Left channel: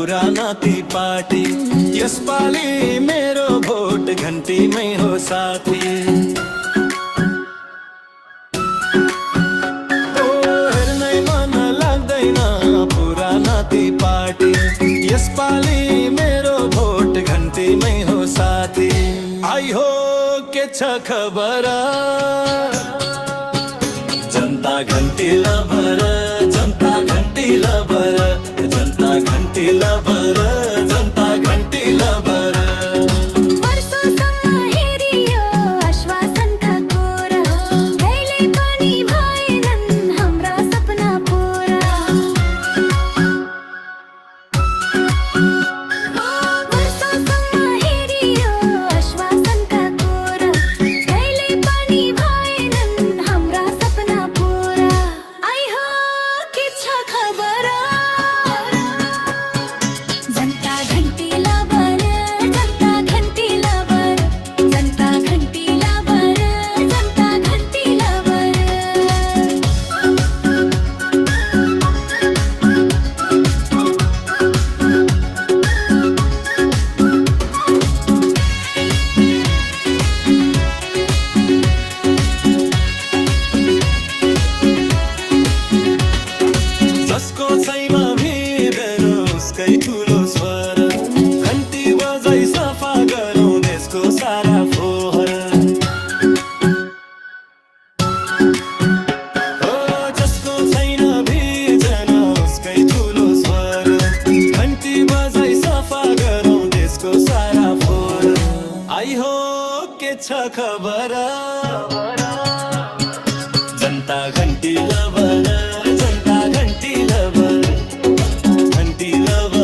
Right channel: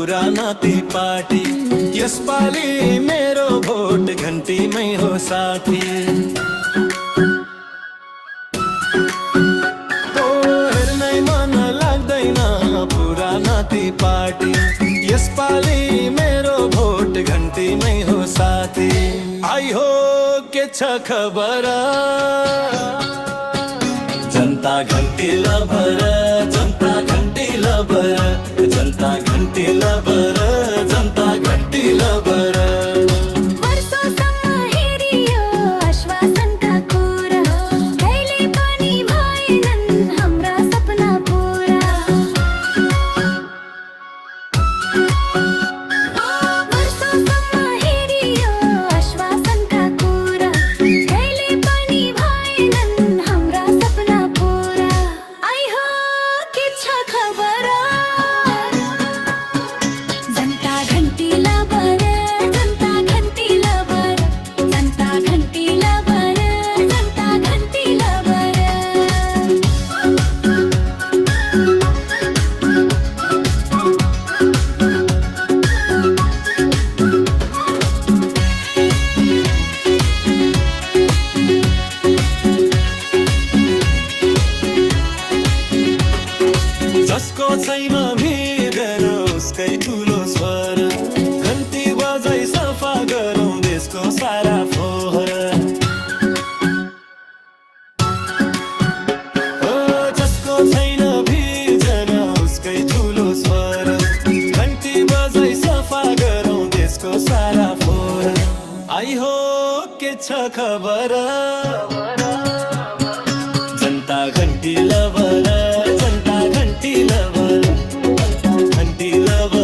पुराना ती पार्टी यसपालि मेरो भोट घन्टीमै हो साथी। ओ हेर्नै मन लाग्दैन पुराना ती पार्टी यसपालि मेरो भोट घन्टीमै हो साथी। आई हो के छ खबर जनता घन्टी लभर, जनता घन्टी लभर, जनता घन्टी लभर, जनता घन्टी लभर। वर्षौसम्म हेरियो आश्वासनका कुरा, कहिले पनि भएनन् हाम्रा सपना पुरा। वर्षौसम्म हेरियो आश्वासनका कुरा, कहिले पनि भएनन् हाम्रा सपना पुरा। आई हो के छ खबर जनता घन्टी लभर, जनता घन्टी लभर, जनता घन्टी लभर, जनता घन्टी लभर। जसको छैमा भिडेर उसकै ठुलो स्वर, घन्टी बजाई सफा गरौँ देशको सारा फोहर। ओ जसको छैन भिजन उसकै ठुलो स्वर, घन्टी बजाई सफा गरौँ देशको सारा फोहर। आई हो के छ खबर जनता घन्टी लभर, जनता घन्टी लभर, घन्टी लभर।